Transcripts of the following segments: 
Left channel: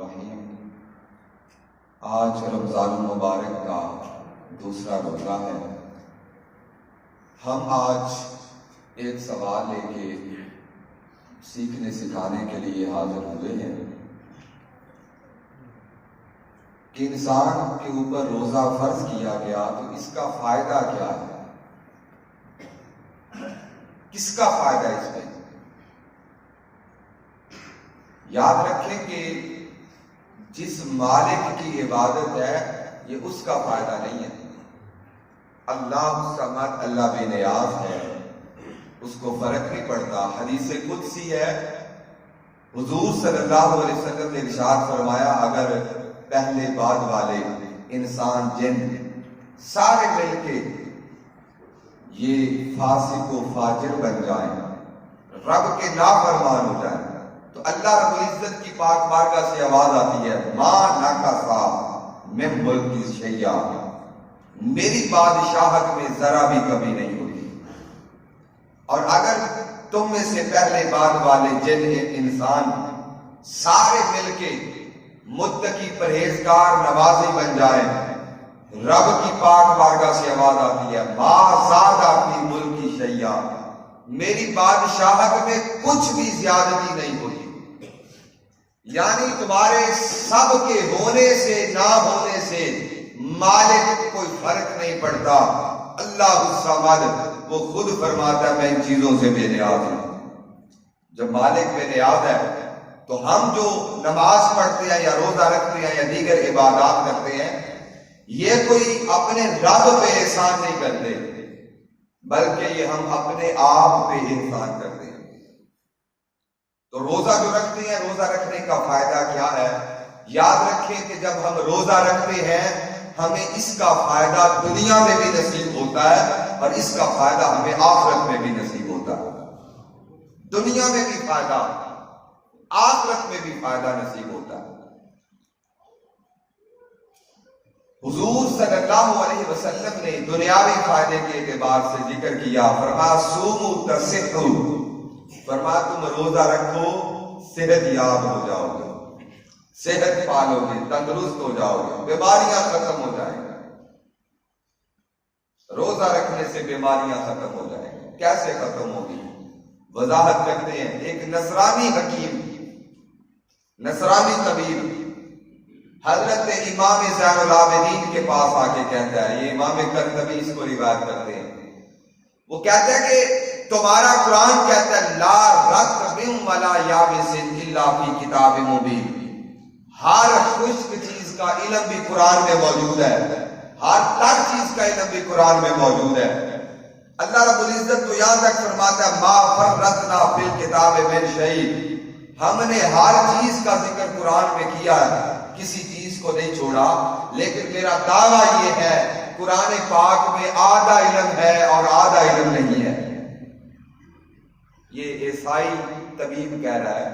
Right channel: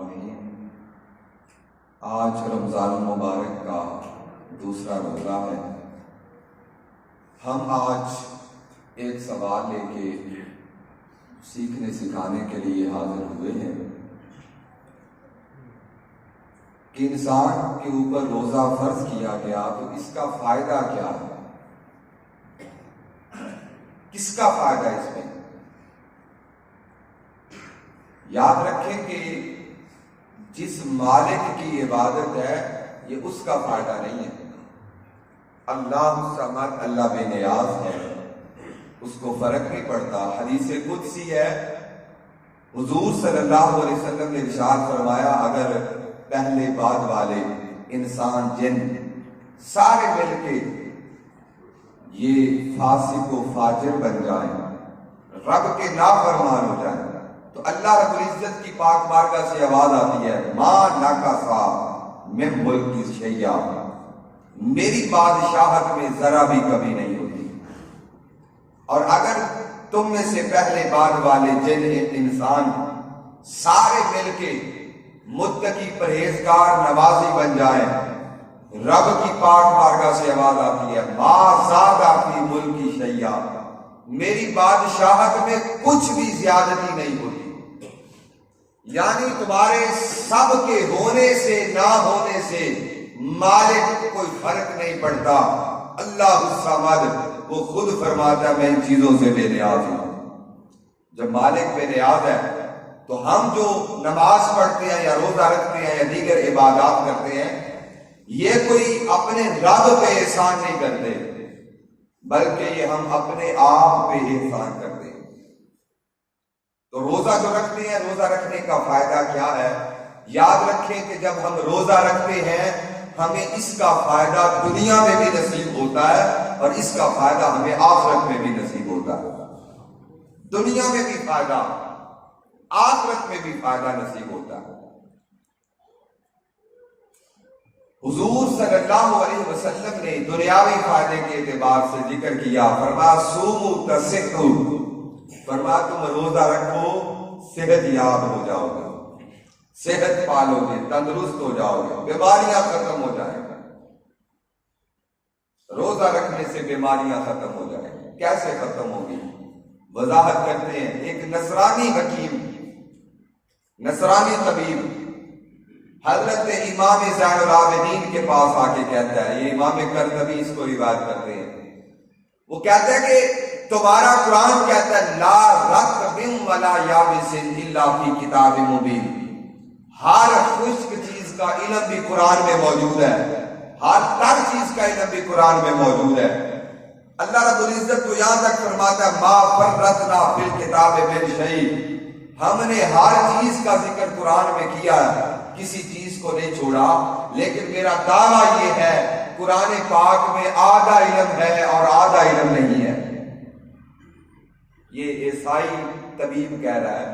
الرحیم۔ آج رمضان المبارک کا دوسرا روزہ ہے۔ ہم آج ایک سوال لے کے سیکھنے سکھانے کے لیے حاضر ہوئے ہیں کہ انسان کے اوپر روزہ فرض کیا گیا تو اس کا فائدہ کیا ہے، کس کا فائدہ اس میں۔ یاد رکھیں کہ جس مالک کی عبادت ہے یہ اس کا فائدہ نہیں ہے۔ اللہ الصمد، اللہ بے نیاز ہے، اس کو فرق نہیں پڑتا۔ حدیث قدسی ہے، حضور صلی اللہ علیہ وسلم نے ارشاد فرمایا اگر پہلے بعد والے انسان جن سارے مل کے یہ فاسق و فاجر بن جائیں، رب کے نافرمان ہو جائیں، تو اللہ رب العزت کی پاک بارگاہ سے آواز آتی ہے ما نقصا من ملک شیئا، میری بادشاہت میں ذرا بھی کمی نہیں ہوتی۔ اور اگر تم میں سے پہلے بعد والے جن انسان سارے مل کے متقی پرہیزگار نمازی بن جائیں، رب کی پاک بارگاہ سے آواز آتی ہے ما زادہ فی ملکی شیئا، میری بادشاہت میں کچھ بھی زیادتی نہیں ہوتی۔ یعنی تمہارے سب کے ہونے سے نہ ہونے سے مالک کو کوئی فرق نہیں پڑتا۔ اللہ الصمد وہ خود فرماتا ہے میں ان چیزوں سے بے نیاز ہوں۔ جب مالک بے نیاز ہے تو ہم جو نماز پڑھتے ہیں یا روزہ رکھتے ہیں یا دیگر عبادات کرتے ہیں، یہ کوئی اپنے رب پہ احسان نہیں کرتے، بلکہ یہ ہم اپنے آپ پہ احسان کرتے ہیں۔ تو روزہ جو رکھتے ہیں، روزہ رکھنے کا فائدہ کیا ہے؟ یاد رکھیں کہ جب ہم روزہ رکھتے ہیں ہمیں اس کا فائدہ دنیا میں بھی نصیب ہوتا ہے اور اس کا فائدہ ہمیں آخرت میں بھی نصیب ہوتا ہے۔ دنیا میں بھی فائدہ، آخرت میں بھی فائدہ نصیب ہوتا ہے۔ حضور صلی اللہ علیہ وسلم نے دنیاوی فائدے کے اعتبار سے ذکر کیا، فرمایا سوموا تصحوا، فرمایا تم روزہ رکھو صحت یاب ہو جاؤ گے، صحت پالو گے، تندرست ہو جاؤ گے، بیماریاں ختم ہو جائیں گے۔ روزہ رکھنے سے بیماریاں ختم ہو جائیں گی۔ کیسے ختم ہوگی؟ وضاحت کرتے ہیں۔ ایک نصرانی حکیم، نصرانی طبیب حضرت امام زین العابدین کے پاس آ کے کہتا ہے، یہ امام قرطبی اس کو روایت کرتے ہیں، وہ کہتا ہے کہ تمہارا قرآن کہتا ہے لا رطب ولا یابس الا فی کتاب مبین، ہر خشک چیز کا علم بھی قرآن میں موجود ہے، ہر تر چیز کا علم بھی قرآن میں موجود ہے۔ اللہ رب العزت تو یہاں تک فرماتا ہے ما فرطنا فی الکتاب من شیء، ہم نے ہر چیز کا ذکر قرآن میں کیا ہے، کسی چیز کو نہیں چھوڑا۔ لیکن میرا دعویٰ یہ ہے قرآن پاک میں آدھا علم ہے اور آدھا علم نہیں ہے۔ یہ عیسائی طبیب کہہ رہا ہے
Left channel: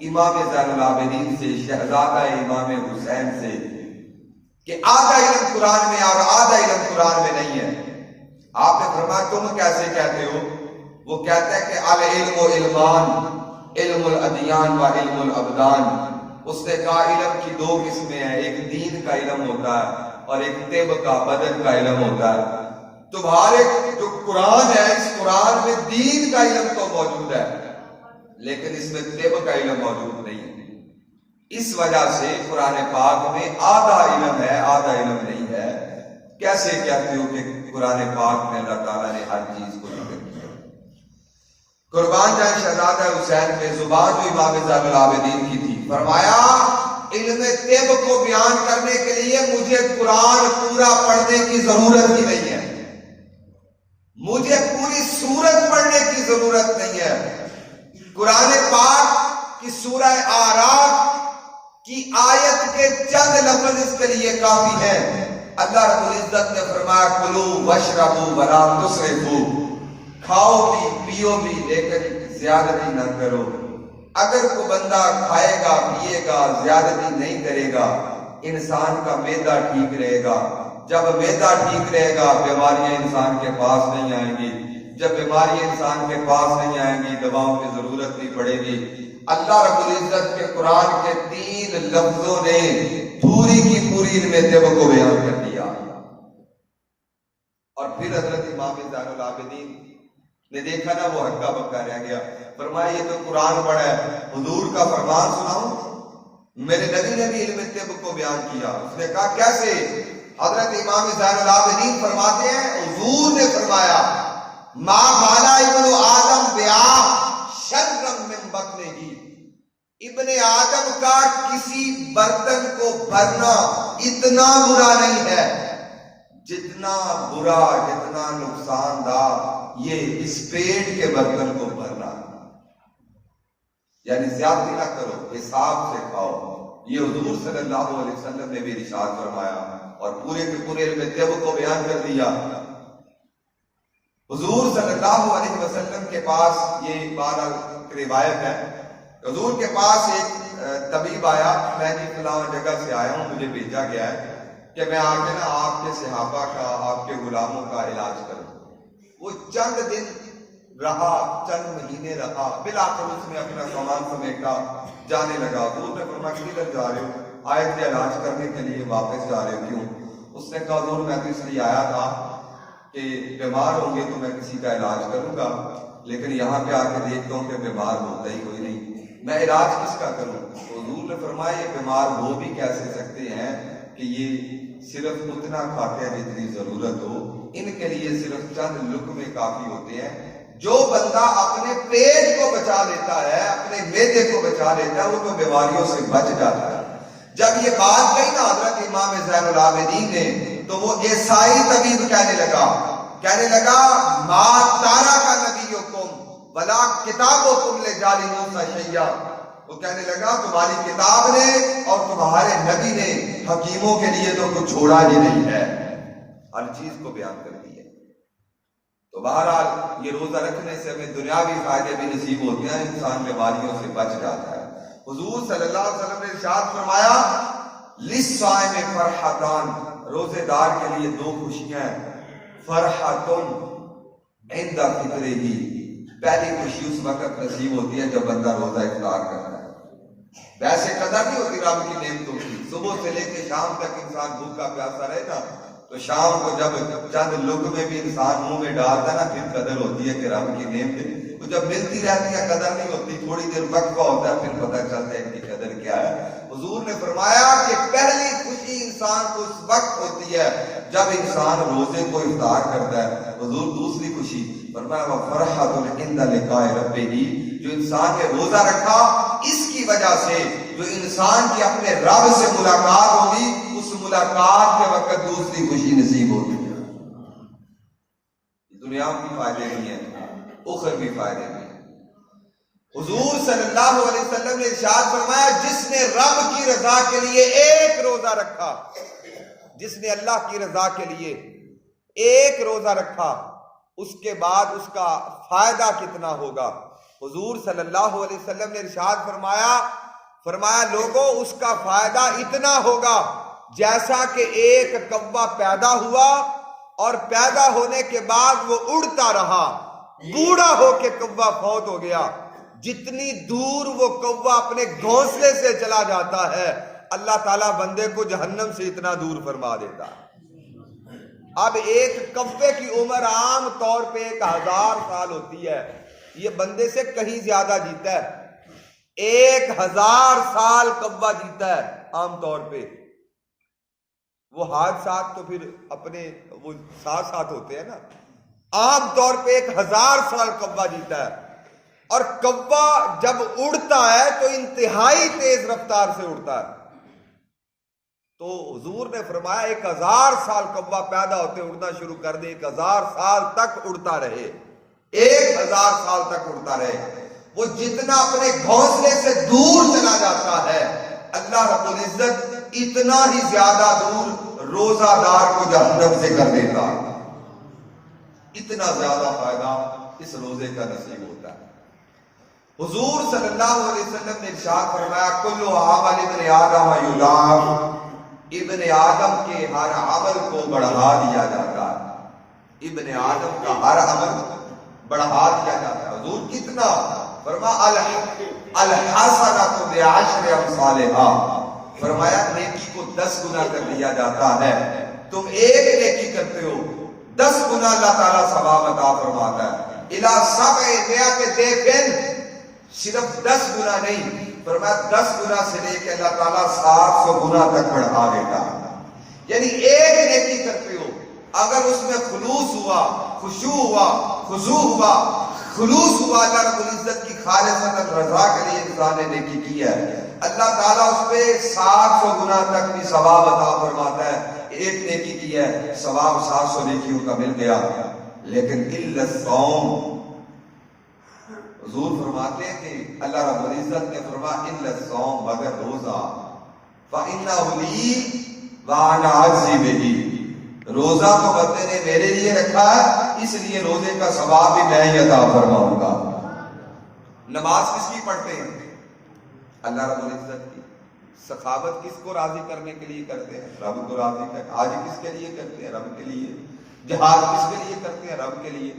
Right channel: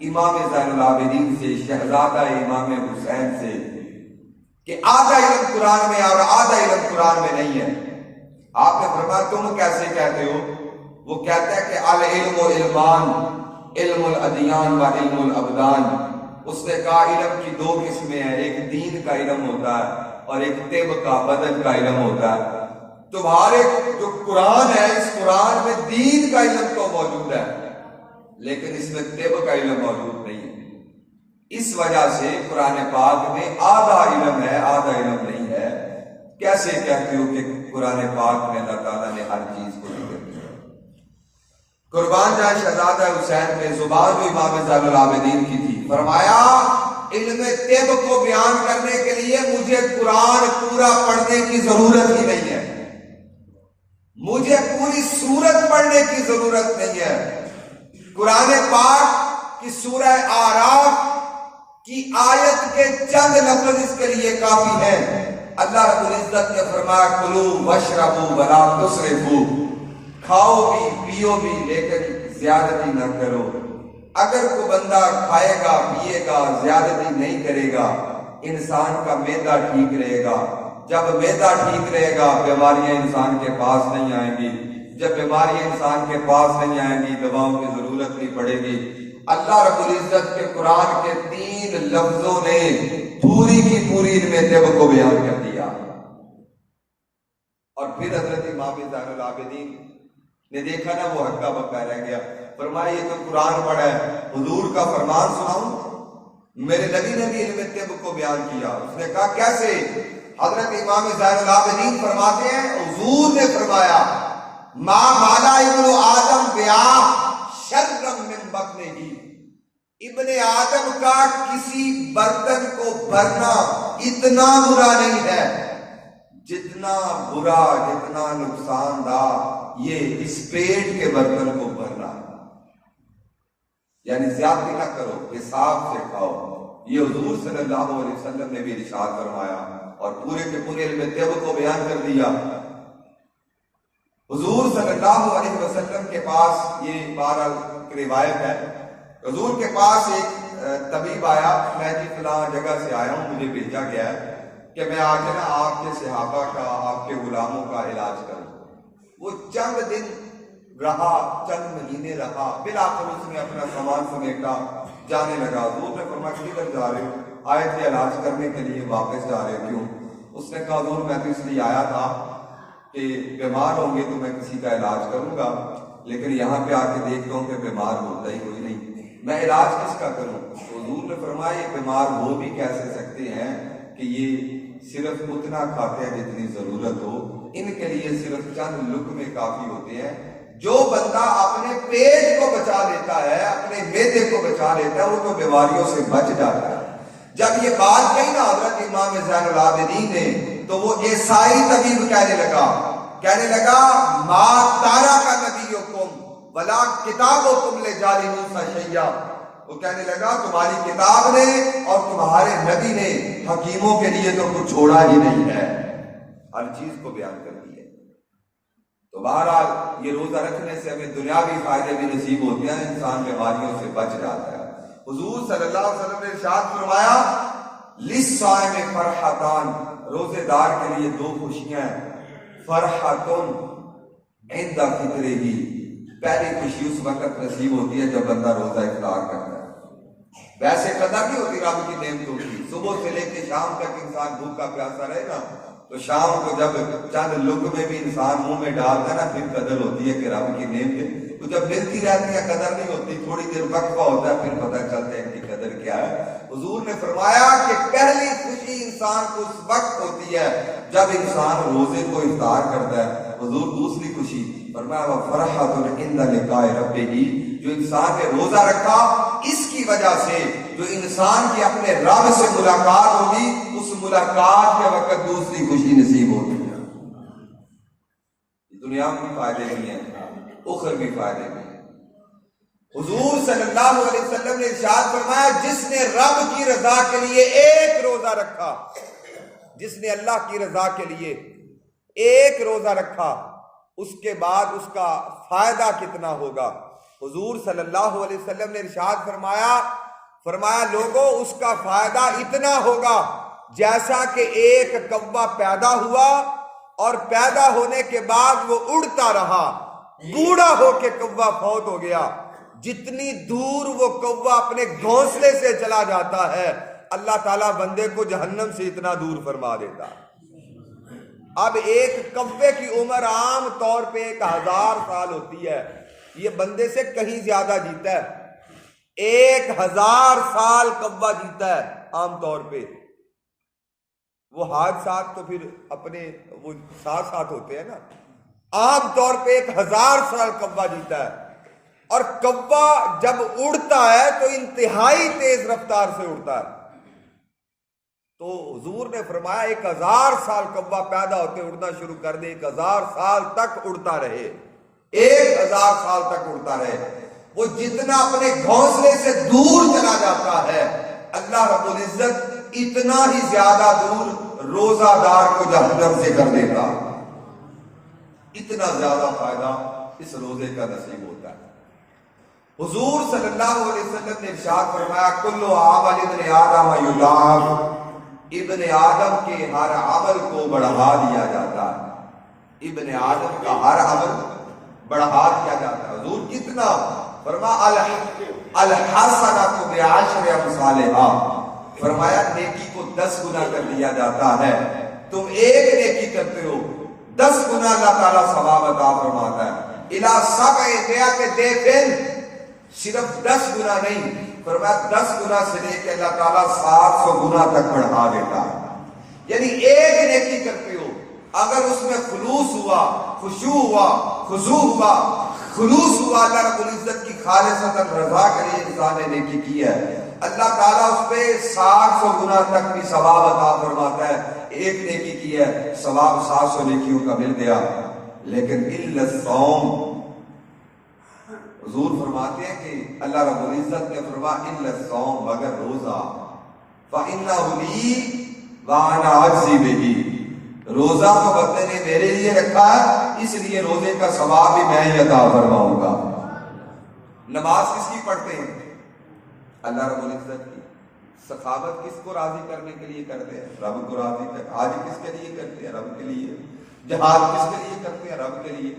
امام زین العابدین سے، شہزادہ امام حسین سے، کہ آدھا علم قرآن میں اور آدھا علم قرآن میں نہیں ہے۔ آپ نے فرمایا تم کیسے کہتے ہو؟ وہ کہتا ہے کہ العلم و علمان، علم الادیان و علم الابدان۔ اس نے کہا علم کی دو قسمیں ہیں، ایک دین کا علم ہوتا ہے اور ایک طب کا، بدن کا علم ہوتا ہے۔ تمہارے جو قرآن ہے اس قرآن میں دین کا علم تو موجود ہے لیکن اس میں طب کا علم موجود نہیں ہے۔ اس وجہ سے قرآن پاک میں آدھا علم ہے، آدھا علم نہیں ہے۔ کیسے کہتے ہو کہ قرآن پاک میں اللہ تعالیٰ نے ہر چیز کو ذکر کیا؟ قربان جائے شہزادہ حسین کے زبان جو امام زین العابدین کی تھی، فرمایا علم طب کو بیان کرنے کے لیے مجھے قرآن پورا پڑھنے کی ضرورت ہی نہیں ہے، مجھے پوری سورت پڑھنے کی ضرورت نہیں ہے۔ قرآن پاک کی سورہ اعراف کی آیت کے چند لفظ اس کے لیے کافی ہیں۔ اللہ رب العزت نے فرمایا کلوا واشربوا ولا تسرفوا، کھاؤ بھی پیو بھی لیکن زیادتی نہ کرو۔ اگر کوئی بندہ کھائے گا پیے گا زیادتی نہیں کرے گا، انسان کا معدہ ٹھیک رہے گا۔ جب معدہ ٹھیک رہے گا بیماریاں انسان کے پاس نہیں آئیں گی، جب بیماریاں انسان کے پاس نہیں آئیں گی دواؤں کی ضرورت نہیں پڑے گی۔ اللہ رب العزت کے قرآن کے 3 لفظوں نے پوری کی پوری ان میں طب کو بیان کر دیا. اور پھر حضرت امام زین العابدین نے دیکھا نا وہ ہکا بکا رہ گیا. فرمایا یہ تو قرآن پڑھا ہے، حضور کا فرمان سناؤں؟ میرے نبی نے بھی علم طب کو بیان کیا. اس نے کہا کیسے؟ حضرت امام زین العابدین فرماتے ہیں حضور نے فرمایا ما مالا ابن آدم بیاہ شرم من بطنہ ہی، ابن آدم کا کسی برتن کو بھرنا اتنا برا نہیں ہے جتنا برا، جتنا نقصان دہ یہ اس پیٹ کے برتن کو بھرنا. یعنی زیادتی نہ کرو، حساب سے کھاؤ. یہ حضور صلی اللہ علیہ وسلم نے بھی ارشاد فرمایا اور پورے کے پورے علم طب کو بیان کر دیا. حضور صلی اللہ علیہ وسلم کے پاس یہ بارہ روایت ہے، حضور کے پاس ایک طبیب آیا. میں جی فلاں جگہ سے آیا ہوں، مجھے بھیجا گیا ہے کہ میں آگے نا آپ کے صحابہ کا، آپ کے غلاموں کا علاج کروں. وہ چند دن رہا، چند مہینے رہا، بالآخر اس نے اپنا سامان سمیٹا، جانے لگا. حضور نے فرمایا کدھر جا رہے ہو؟ آئے تھے علاج کرنے کے لیے، واپس جا رہے ہو کیوں؟ اس نے کہا حضور میں تو اس لیے آیا تھا کہ بیمار ہوں گے تو میں کسی کا علاج کروں گا، لیکن یہاں پہ آ کے دیکھتا ہوں کہ بیمار ہوتا ہی کوئی نہیں، میں علاج کس کا کروں؟ تو حضور نے فرمایا یہ بیمار ہو بھی کیسے سکتے ہیں کہ یہ صرف اتنا کھاتے ہیں جتنی ضرورت ہو، ان کے لیے صرف چند لقمے کافی ہوتے ہیں. جو بندہ اپنے پیٹ کو بچا لیتا ہے، اپنے معدے کو بچا لیتا ہے، وہ تو بیماریوں سے بچ جاتا ہے. جب یہ بات کہی نا حضرت امام زین العابدین نے تو وہ عیسائی طبیب کہنے لگا ما تارا کا نبیکم ولا کتابکم لجالنوس شیئا. وہ کہنے لگا تمہاری کتاب نے اور تمہارے نبی نے حکیموں کے لیے تو کچھ چھوڑا ہی نہیں ہے، ہر چیز کو بیان کر دی ہے. تو بہرحال یہ روزہ رکھنے سے ہمیں دنیاوی فائدے بھی نصیب ہوتے ہیں، انسان بیماریوں سے بچ جاتا ہے. حضور صلی اللہ علیہ وسلم نے ارشاد فرمایا للصائم فرحتان، روزے دار کے لیے 2 خوشیاں ہیں. فرحتن عند فطرہ، پہلی خوشی اس وقت نصیب ہوتی ہے جب بندہ روزہ افطار کرتا ہے. ویسے قدر نہیں ہوتی رب کی نعمتوں کی، صبح سے لے کے شام تک انسان بھوکا پیاسا رہے نا تو شام کو جب چند لقمے بھی انسان منہ میں ڈالتا ہے نا پھر قدر ہوتی ہے کہ رب کی نعمت. وہ جب ملتی رہتی ہے قدر نہیں ہوتی، تھوڑی دیر وقفہ ہوتا ہے پھر پتہ چلتا ہے کہ قدر کیا ہے. حضور نے فرمایا کہ پہلی خوشی انسان کو اس وقت ہوتی ہے جب انسان روزے کو افطار کرتا ہے. حضور دوسری خوشی فرمایا فرحۃ عند لقاء ربہ، جو انسان نے روزہ رکھا اس کی وجہ سے جو انسان کی اپنے رب سے ملاقات ہوگی، اس ملاقات کے وقت دوسری خوشی نصیب ہوتی ہے. دنیا کی فائدے بھی ہیں، اخروی فائدے بھی ہیں. حضور صلی اللہ علیہ وسلم نے ارشاد فرمایا جس نے رب کی رضا کے لیے ایک روزہ رکھا، جس نے اللہ کی رضا کے لیے ایک روزہ رکھا، اس کے بعد اس کا فائدہ کتنا ہوگا. حضور صلی اللہ علیہ وسلم نے ارشاد فرمایا لوگوں اس کا فائدہ اتنا ہوگا جیسا کہ ایک کوا پیدا ہوا اور پیدا ہونے کے بعد وہ اڑتا رہا، بوڑھا ہو کے کوا فوت ہو گیا. جتنی دور وہ کوا اپنے گھونسلے سے چلا جاتا ہے اللہ تعالیٰ بندے کو جہنم سے اتنا دور فرما دیتا ہے. اب ایک کوے کی عمر عام طور پہ 1000 سال ہوتی ہے، یہ بندے سے کہیں زیادہ جیتا ہے. 1000 سال کوا جیتا ہے عام طور پہ. وہ حادثات تو پھر اپنے وہ ساتھ ہوتے ہیں نا، عام طور پہ 1000 سال کوا جیتا ہے. اور کوا جب اڑتا ہے تو انتہائی تیز رفتار سے اڑتا ہے. تو حضور نے فرمایا 1000 سال کوا پیدا ہوتے اڑنا شروع کر دے، 1000 سال تک اڑتا رہے، 1000 سال تک اڑتا رہے. وہ جتنا اپنے گھونسلے سے دور چلا جاتا ہے اللہ رب العزت اتنا ہی زیادہ دور روزہ دار کو جہنم سے کر دیتا. اتنا زیادہ فائدہ اس روزے کا نصیب ہوتا ہے. حضور صلی اللہ علیہ وسلم نے ارشاد فرمایا کل عمل ابن آدم یضاعف، ابن آدم کے ہر عمل کو بڑھا دیا جاتا ہے. ابن آدم کا ہر عمل بڑھا دیا جاتا ہے. حضور کتنا؟ فرمایا الحسنۃ بعشر امثالھا، فرمایا نیکی کو 10 گنا کر دیا جاتا ہے. تم ایک نیکی کرتے ہو 10 گنا اللہ تعالیٰ ثواب عطا فرماتا ہے. الی 700 ضعف، صرف 10 گنا نہیں، فرمایا 10 گنا سے لے کے اللہ تعالیٰ 700 گنا تک بڑھا دیتا ہے. یعنی ایک نیکی کرتے ہو، اگر اس میں خلوص ہوا، خشوع ہوا، خضوع ہوا، خلوص ہوا، اللہ رب العزت کی خالصۃ رضا کے لیے انسان نے نیکی کی ہے، اللہ تعالیٰ اس پہ 700 گنا تک بھی ثواب عطا فرماتا ہے. ایک نیکی کی ہے، ثواب 700 نیکیوں کا مل گیا. لیکن الا الصوم، حضور فرماتے ہیں کہ اللہ رب العزت نے فرمایا الا الصوم، مگر روزہ، فإنہ لی وأنا أجزی بہ، روزہ تو بندے نے میرے لیے رکھا ہے، اس لیے روزے کا ثواب بھی میں ہی عطا فرماؤں گا. نماز کس کی پڑھتے ہیں؟ اللہ رب العزت کی. سخاوت کس کو راضی کرنے کے لیے کرتے ہیں؟ رب کو راضی کرتے ہیں. حج کس کے لیے کرتے ہیں؟ رب کے لیے. جہاد کس کے لیے کرتے ہیں؟ رب کے لیے.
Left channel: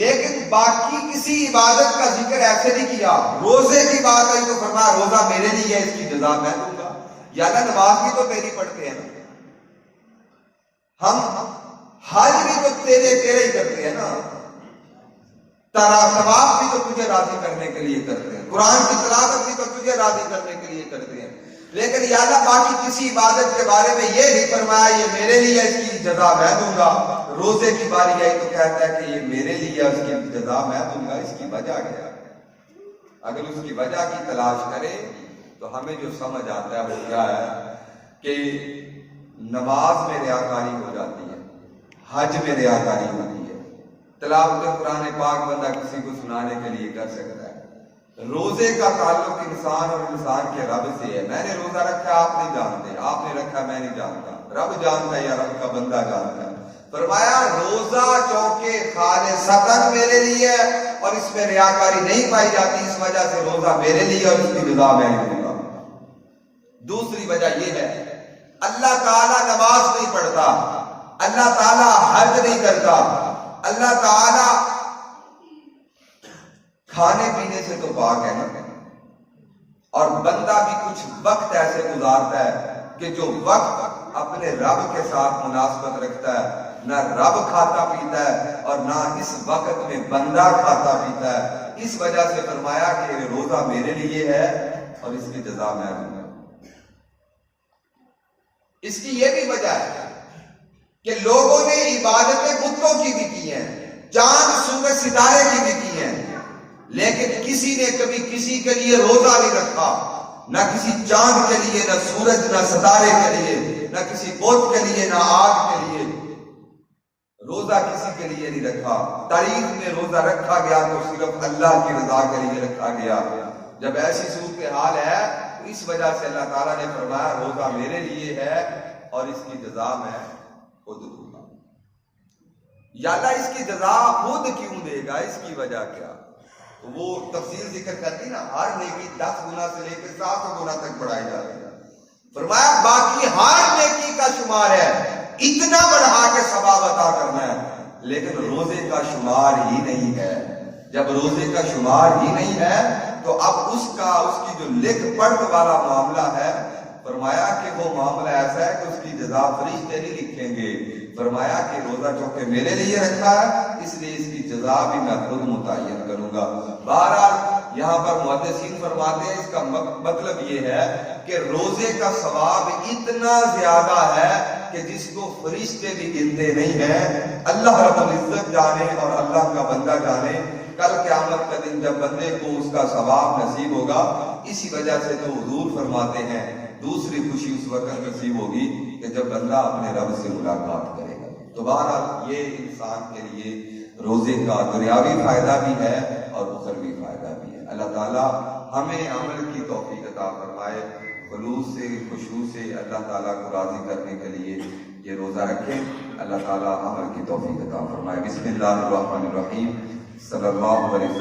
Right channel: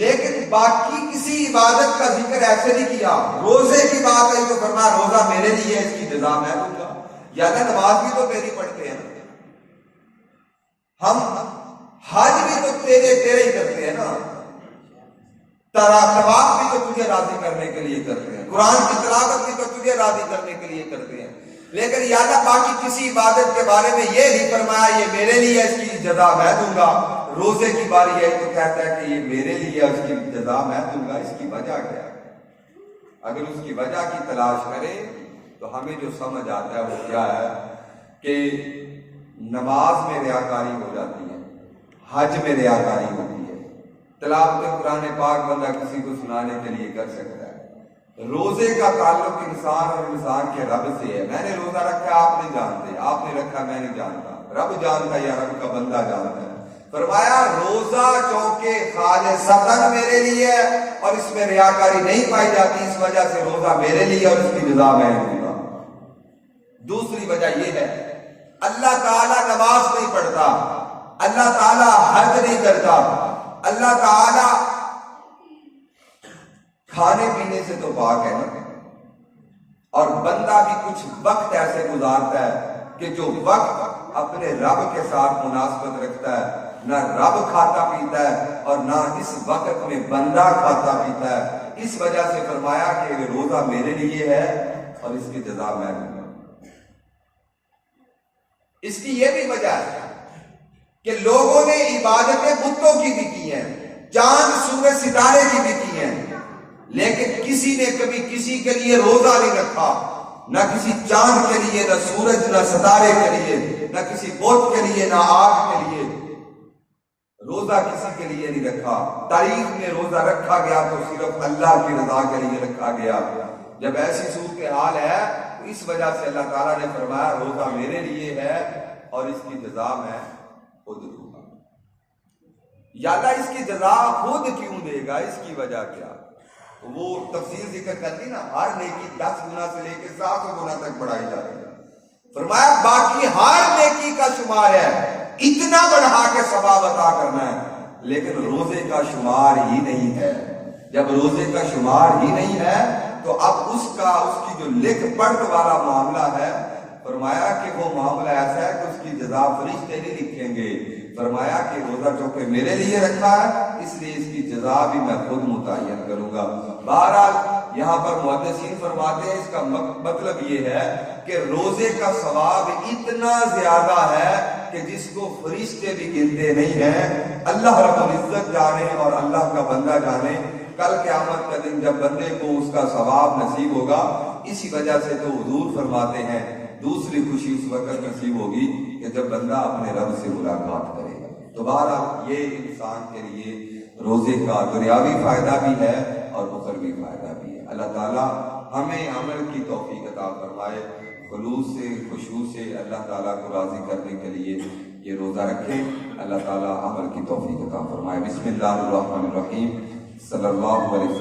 لیکن باقی کسی عبادت کا ذکر ایسے نہیں کیا. روزے کی بات ہے تو فرمایا روزہ میرے لیے ہے، اس کی جزا میں دوں گا. یا نماز بھی تو میری پڑھتے ہیں، ہم حج بھی تو تیرے ہی کرتے ہیں نا، طواف بھی تو تجھے راضی کرنے کے لیے کرتے ہیں، قرآن کی تلاوت بھی تو تجھے راضی کرنے کے لیے کرتے ہیں. لیکن یا اللہ باقی کسی عبادت کے بارے میں یہ نہیں فرمایا یہ میرے لیے، اس کی جزا میں دوں گا. روزے کی باری آئی تو کہتا ہے کہ یہ میرے لیے، اس کی جزا میں دوں گا. اس کی وجہ کیا ہے؟ اگر اس کی وجہ کی تلاش کرے تو ہمیں جو سمجھ آتا ہے وہ کیا ہے کہ نماز میں ریاکاری ہو جاتی ہے، حج میں ریاکاری ہوتی ہے، تلاوت قرآن پاک بندہ کسی کو سنانے کے لیے کر سکتا ہے. روزے کا تعلق انسان اور انسان کے رب سے ہے. میں نے روزہ رکھا آپ نہیں جانتے، آپ نے رکھا میں نہیں جانتا، رب جانتا ہے یا رب کا بندہ جانتا ہے. فرمایا روزہ چونکہ خالصتاً میرے لیے ہے اور اس میں ریاکاری نہیں پائی جاتی، اس وجہ سے روزہ میرے لیے اور اس کی جزا میں دوں گا. دوسری وجہ یہ ہے اللہ تعالیٰ نماز نہیں پڑھتا، اللہ تعالیٰ حج نہیں کرتا، اللہ تعالیٰ کھانے پینے سے تو پاک ہے نا. اور بندہ بھی کچھ وقت ایسے گزارتا ہے کہ جو وقت اپنے رب کے ساتھ مناسبت رکھتا ہے. نہ رب کھاتا پیتا ہے اور نہ اس وقت میں بندہ کھاتا پیتا ہے. اس وجہ سے فرمایا کہ روزہ میرے لیے ہے اور اس کی جزا میں دوں گا. اس کی یہ بھی وجہ ہے کہ لوگوں نے عبادتیں بتوں کی بھی کی ہیں، چاند سورج ستارے کی بھی کی ہیں، لیکن کسی نے کبھی کسی کے لیے روزہ نہیں رکھا، نہ کسی چاند کے لیے، نہ سورج، نہ ستارے کے لیے، نہ کسی بت کے لیے، نہ آگ کے لیے. روزہ کسی کے لیے نہیں رکھا. تاریخ میں روزہ رکھا گیا تو صرف اللہ کی رضا کے لیے رکھا گیا. جب ایسی صورتحال ہے تو اس وجہ سے اللہ تعالیٰ نے فرمایا روزہ میرے لیے ہے اور اس کی جزا میں خود دوں گا. یا اللہ اس کی جزا خود کیوں دے گا، اس کی وجہ کیا؟ وہ تفصیل ذکر کرتی نا، ہر نیکی 10 گنا سے لے کے 700 گنا تک بڑھائی جاتی ہے. فرمایا باقی ہر نیکی کا شمار ہے، اتنا بڑھا کے ثواب عطا کرنا ہے، لیکن روزے کا شمار ہی نہیں ہے. جب روزے کا شمار ہی نہیں ہے تو اب اس کی جو لکھ پڑھ والا معاملہ ہے، فرمایا کہ وہ معاملہ ایسا ہے کہ اس کی جزا فرشتے نہیں لکھیں گے. فرمایا کہ روزہ چونکہ میرے لیے رکھا ہے اس لیے اس کی جزا بھی میں خود متعین کروں گا. بہرحال یہاں پر محدثین فرماتے ہیں اس کا مطلب یہ ہے کہ روزے کا ثواب اتنا زیادہ ہے کہ جس کو فرشتے بھی گنتے نہیں ہیں. اللہ رب العزت جانے اور اللہ کا بندہ جانے. کل قیامت کا دن جب بندے کو اس کا ثواب نصیب ہوگا، اسی وجہ سے تو حضور فرماتے ہیں دوسری خوشی اس وقت نصیب ہوگی کہ جب بندہ اپنے رب سے ملاقات کرے گا. تو بہرحال یہ انسان کے لیے روزے کا دنیاوی فائدہ بھی ہے اور اخروی فائدہ بھی ہے. اللہ تعالیٰ ہمیں عمل کی توفیق عطا فرمائے، خلوص سے خشوع سے اللہ تعالیٰ کو راضی کرنے کے لیے یہ روزہ رکھیں. اللہ تعالیٰ عمل کی توفیق عطا فرمائے. بسم اللہ الرحمن الرحیم. صلی اللہ علیہ وسلم.